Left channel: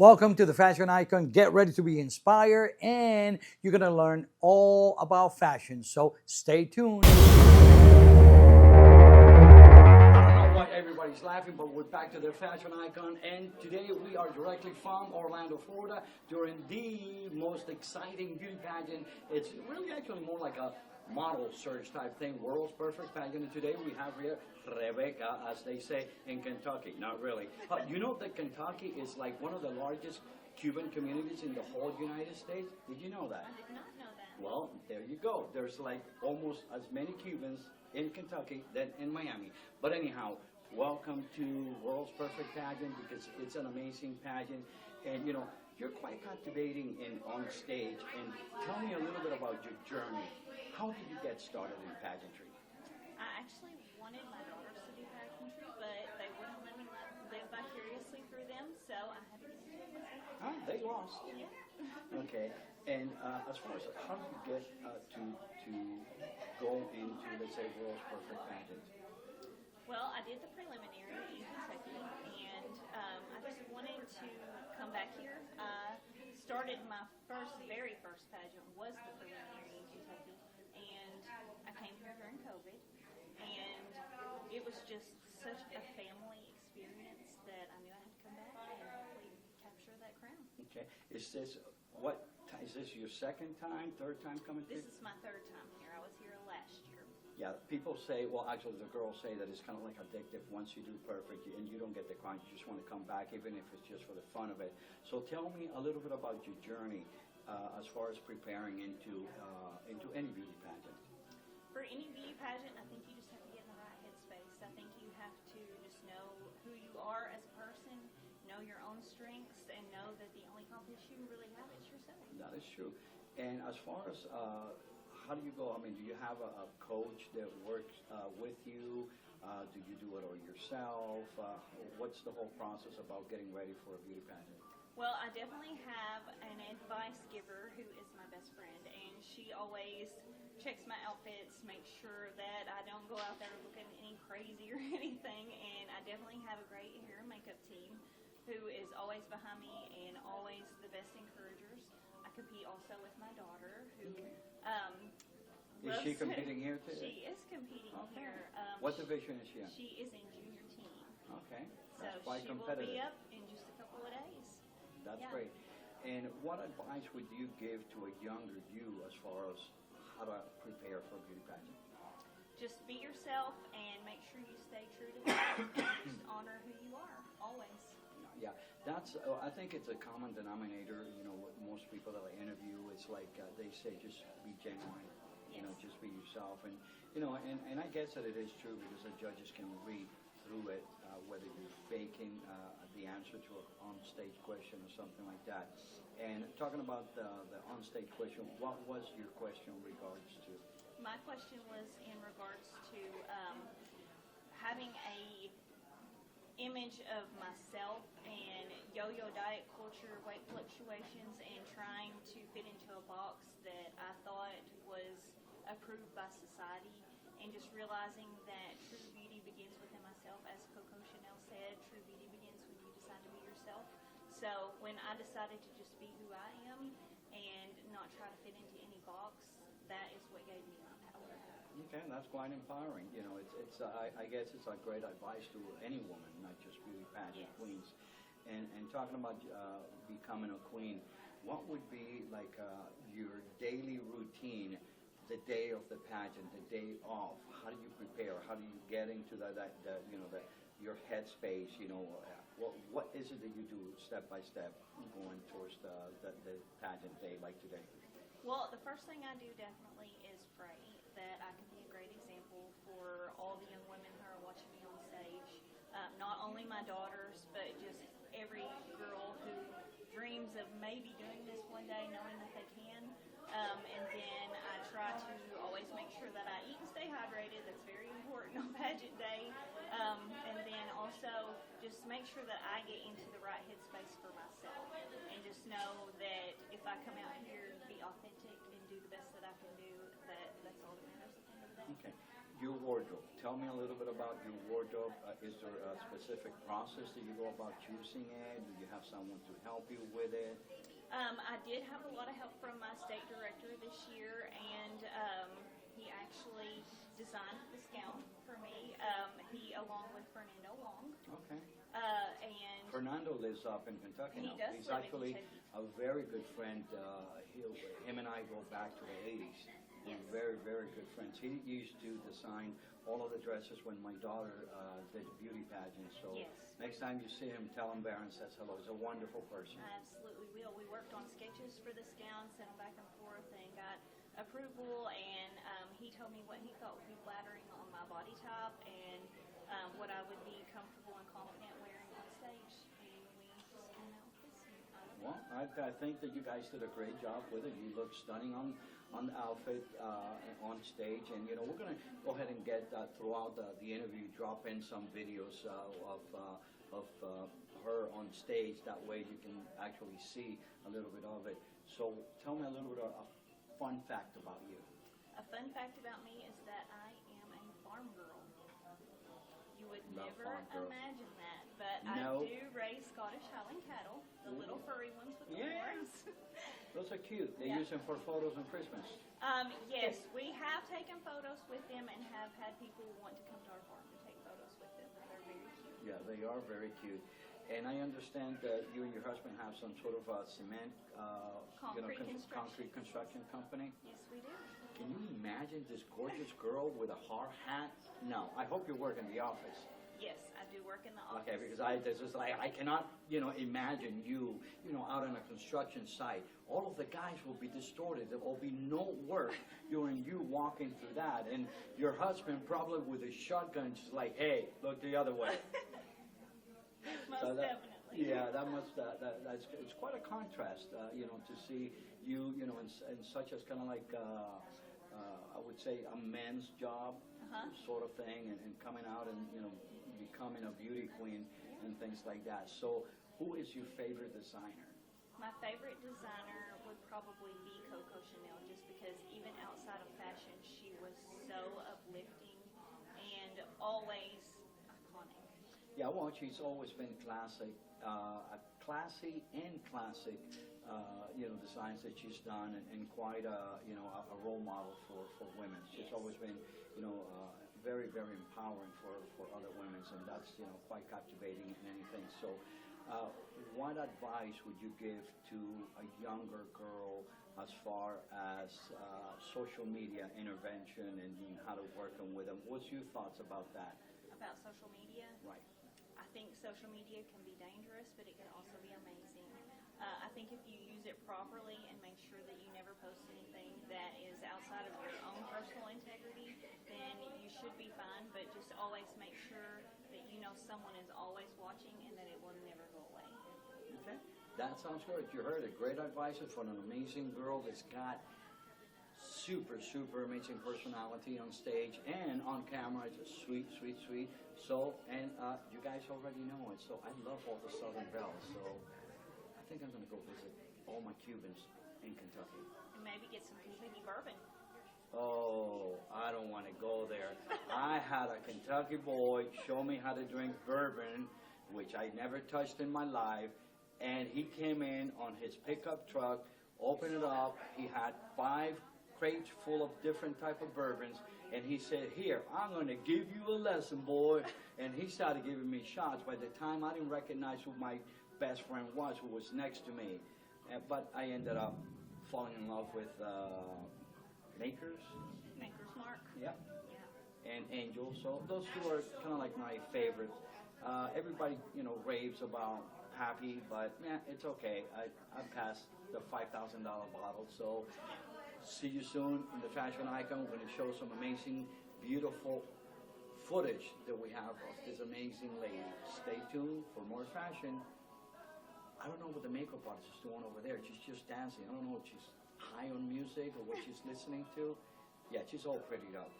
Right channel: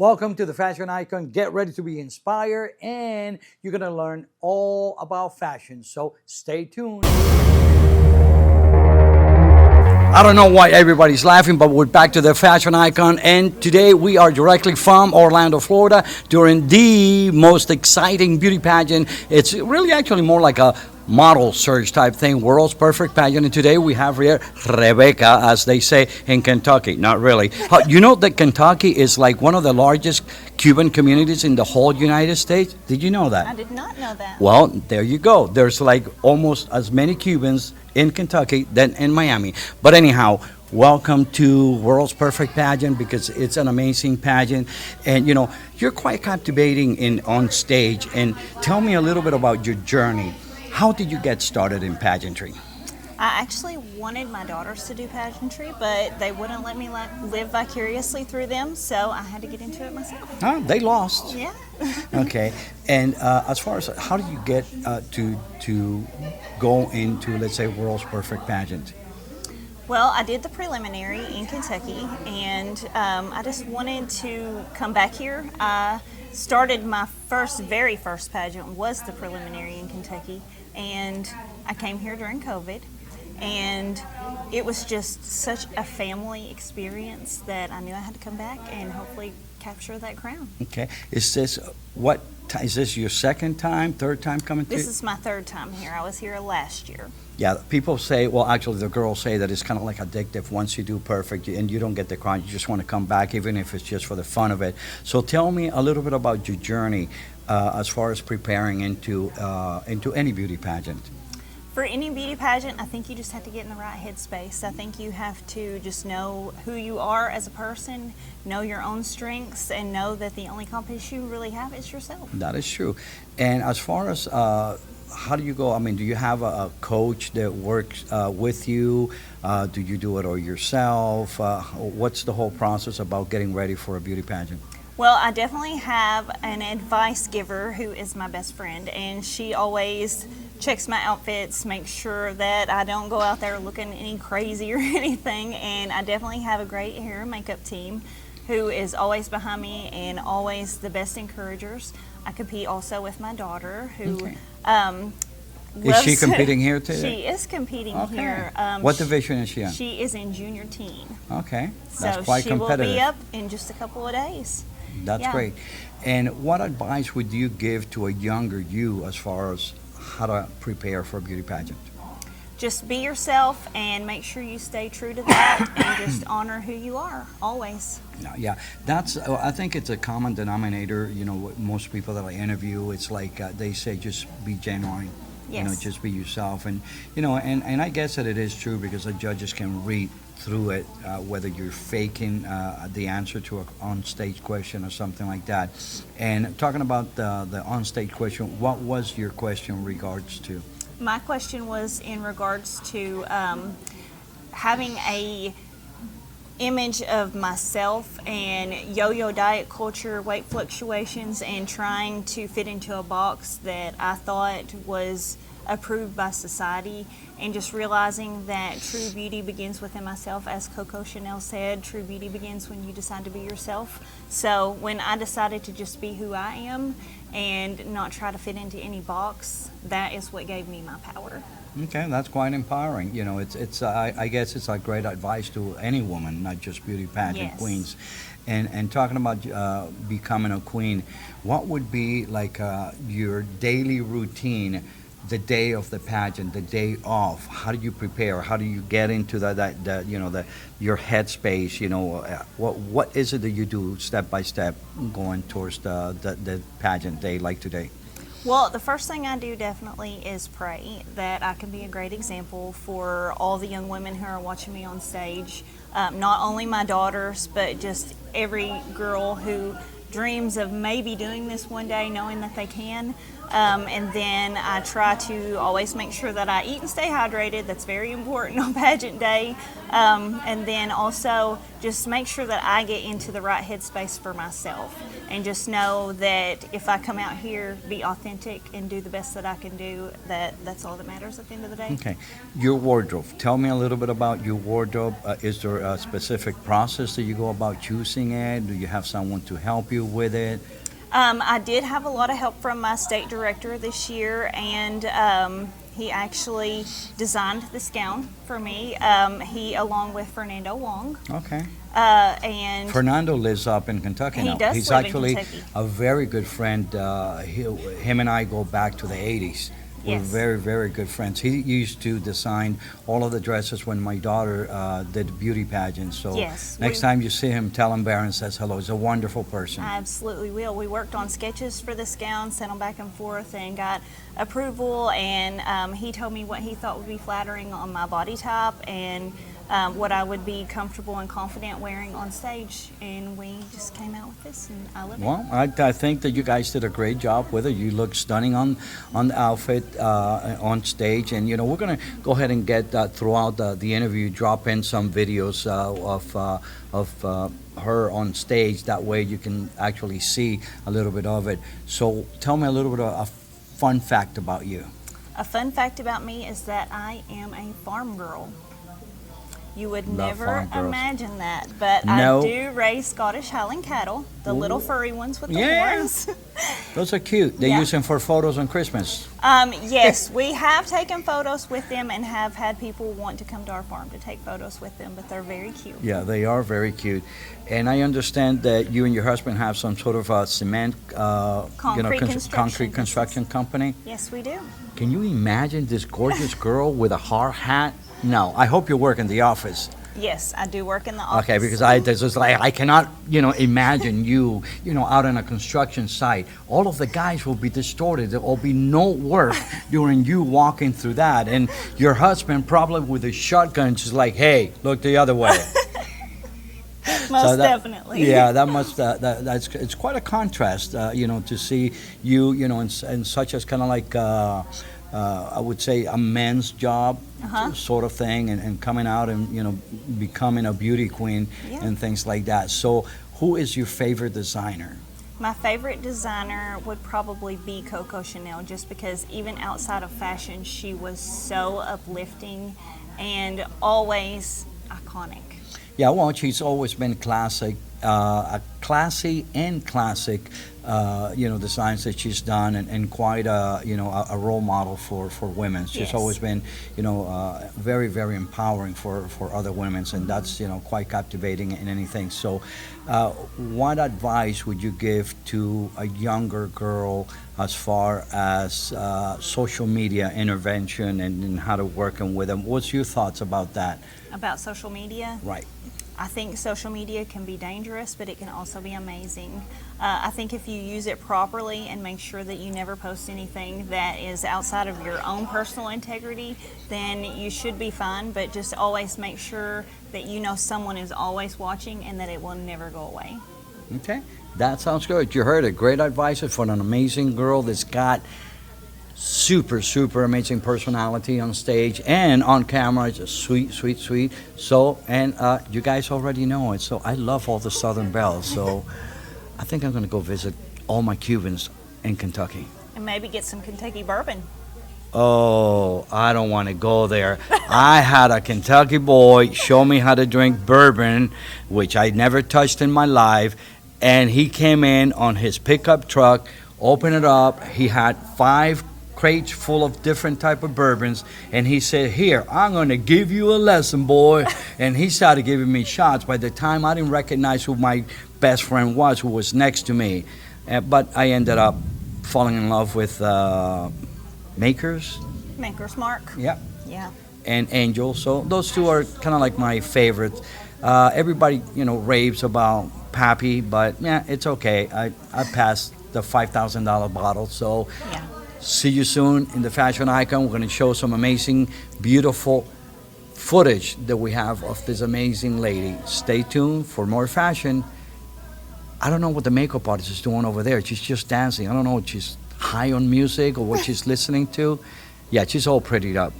Welcome to the Fashion Icon. Get ready to be inspired, and you're going to learn all about fashion. So stay tuned. I don't know why everybody's laughing, but we're back to the Fashion Icon, and today we are directly from Orlando, Florida, during the most exciting beauty pageant. It's really actually more like a model search type thing, World's Perfect Pageant. And today we have here Rebecca, as they say in Kentucky. Not really. You know that Kentucky is like one of the largest Cuban communities in the whole United States? Did you know that? I did not know that. Well, there you go. There's like almost as many Cubans in Kentucky than in Miami. But anyhow, welcome to World's Perfect Pageant because it's an amazing pageant, and you're quite captivating in on stage. And tell me a little bit about your journey. How did you get started in pageantry? I actually wanted my daughters to do pageantry, but they wouldn't let me live vicariously through them, so I had to get into it myself. Huh, they lost. Yeah. Okay. And as far as how do you get to go into, let's say, World's Perfect Pageant? Well, I did the preliminary in Kentucky, and I just wanted to come back here. I started my very first pageant was the preliminary in Kentucky, and I came here during COVID, and it was just such a family experience that I knew I had to come back and hopefully capture that crown. Okay. Is this your second time, third time coming to? This is my third time here. I was here last year. Yeah, people say, well, actually, the girls say that it's kind of like addictive. Once you do perfect and you don't get the crown, you just want to come back, even if it's just for the fun of it. So tell me a little bit about your journey as far as preparing into any beauty pageant. For any beauty pageant, I think you just have to get in the right headspace. I think you have to just know who you are as a person, know your own strengths, and know that the only competition you really have is yourself. That is true. And as far as how do you go? I mean, do you have a coach that works with you? Do you do it all yourself? What's the whole process about getting ready for a beauty pageant? Well, I definitely have an advice giver who is my best friend, and she always checks my outfits, makes sure that I don't go out there looking any crazy or anything, and I definitely have a great hair and makeup team who is always behind me and always the best encouragers. I compete also with my daughter who Okay. Is loves she competing here too? She is competing Okay. here. What division is she in? She is in junior teen. Okay, that's So quite she will competitive. be up in just a couple of days. That's Yeah. great. And what advice would you give to a younger you as far as how to prepare for a beauty pageant? Just be yourself and make sure you stay true to that and just honor who you are always. No, yeah, that's. I think it's a common denominator. Most people that I interview, it's like they say, just be genuine. Yes. Just be yourself, and and I guess that it is true because the judges can read through it whether you're faking the answer to an on-stage question or something like that. And talking about the on-stage question, what was your question in regards to? My question was in regards to having a image of myself and yo-yo diet culture, weight fluctuations, and trying to fit into a box that I thought was approved by society, and just realizing that true beauty begins within myself. As Coco Chanel said, true beauty begins when you decide to be yourself. So when I decided to just be who I am and not try to fit into any box, that is what gave me my power. Okay, that's quite empowering. I guess it's like great advice to any woman, not just beauty pageant Yes. queens. And talking about becoming a queen, what would be like your daily routine, the day of the pageant, the day off? How do you prepare? How do you get into your headspace? What is it that you do step by step going towards the pageant day like today? Well, the first thing I do definitely is pray that I can be a great example for all the young women who are watching me on stage. Not only my daughters, but just every girl who dreams of maybe doing this one day, knowing that they can. And then I try to always make sure that I eat and stay hydrated. That's very important on pageant day. And then also just make sure that I get into the right headspace for myself. And just know that if I come out here, be authentic and do the best that I can do, that's all that matters at the end of the day. Okay. Your wardrobe. Tell me a little bit about your wardrobe. Is there a specific process that you go about choosing it? Do you have someone to help you with it? I did have a lot of help from my state director this year, and he actually designed this gown for me. He, along with Fernando Wong. Okay. And Fernando lives up in Kentucky He now. does He's live in actually Kentucky. a very good friend. Him and I go back to the 80s. We're Yes. very, very good friends. He used to design all of the dresses when my daughter did the beauty pageant. So Yes, next time you see him, tell him Baron says hello. He's a wonderful person. I absolutely will. We worked on sketches for this gown, sent them back and forth, and got approval. And he told me what he thought would be flattering on my body type and what I would be comfortable and confident wearing on stage. And we just came out with this, and I love it. Well, I think that you guys did a great job with it. You look stunning on the outfit on stage, and we're gonna go ahead and get throughout the interview, drop in some videos of her on stage. That way, you can actually see a little bit of it. So, tell me a little bit of a fun fact about you. A fun fact about me is that I am a farm girl. You would Love never farm girls. imagine that, but No. I do raise Scottish Highland cattle, the little furry ones with the Yeah. horns. Those are cute. They Yeah. use them for photos on Christmas. Yes, we have taken photos with them and have had people want to come to our farm to take photos with them, but they're very cute. Yeah, they are very cute. And I understand that you and your husband have some sort of a cement, Concrete construction concrete construction company. Yes, we do. Can you imagine this gorgeous girl with a hard hat? No, I hope you work in the office. Yes, I do work in the office. Okay, because I cannot, imagine you, out on a construction site. All of the guys will be distorted. There will be no work during you walking through that. And your husband probably with a shotgun just like, hey, look the other way. Most that- definitely. Yeah, that must that's it's quite a contrast, to see you, in such as kind of like I would say a man's job sort of thing, and coming out and becoming a beauty queen Yeah. and things like that. So, who is your favorite designer? My favorite designer would probably be Coco Chanel, just because even outside of fashion, she was so uplifting and always iconic. Yeah, well, she's always been classic, a classy and classic, designs that she's done, and quite a role model for women. She's Yes. always been, very, very empowering for other women, and that's, quite captivating in anything. So, what advice would you give to a younger girl as far as social media intervention and how to working with them? What's your thoughts about that? About social media, Right. I think social media can be dangerous, but it can also be amazing. I think if you use it properly and make sure that you never post anything that is outside of your own personal integrity, then you should be fine, but just always make sure that someone is always watching and that it will never go away. Okay, that sounds good. You heard it. Great advice for an amazing girl that's got super, super amazing personality on stage and on camera. Just sweet, sweet, sweet. So, and you guys already know it. So I love all the Southern Belles. So I think I'm going to go visit all my Cubans in Kentucky. And maybe get some Kentucky bourbon. Oh, I don't want to go there. I had a Kentucky boy show me how to drink bourbon, which I never touched in my life. And he came in on his pickup truck, opened it up. He had 5 crates full of different type of bourbons, and he said, here, I'm going to give you a lesson, boy. And he started giving me shots. By the time, I didn't recognize who my best friend was, who was next to me. But I ended up falling in love with Maker's, Maker's Mark. yeah, Yeah. and Angel. So those two are kind of like my favorites. Everybody, raves about Pappy, but yeah, it's okay. I passed the $5,000 bottle. So Yeah. see you soon in the Fashion Icon. We're going to show some amazing, beautiful footage that we have of this amazing lady. Stay tuned for more fashion. I don't know what the makeup artist is doing over there. She's just dancing. I don't know what she's high on music or what she's listening to. Yeah, she's all prettied up.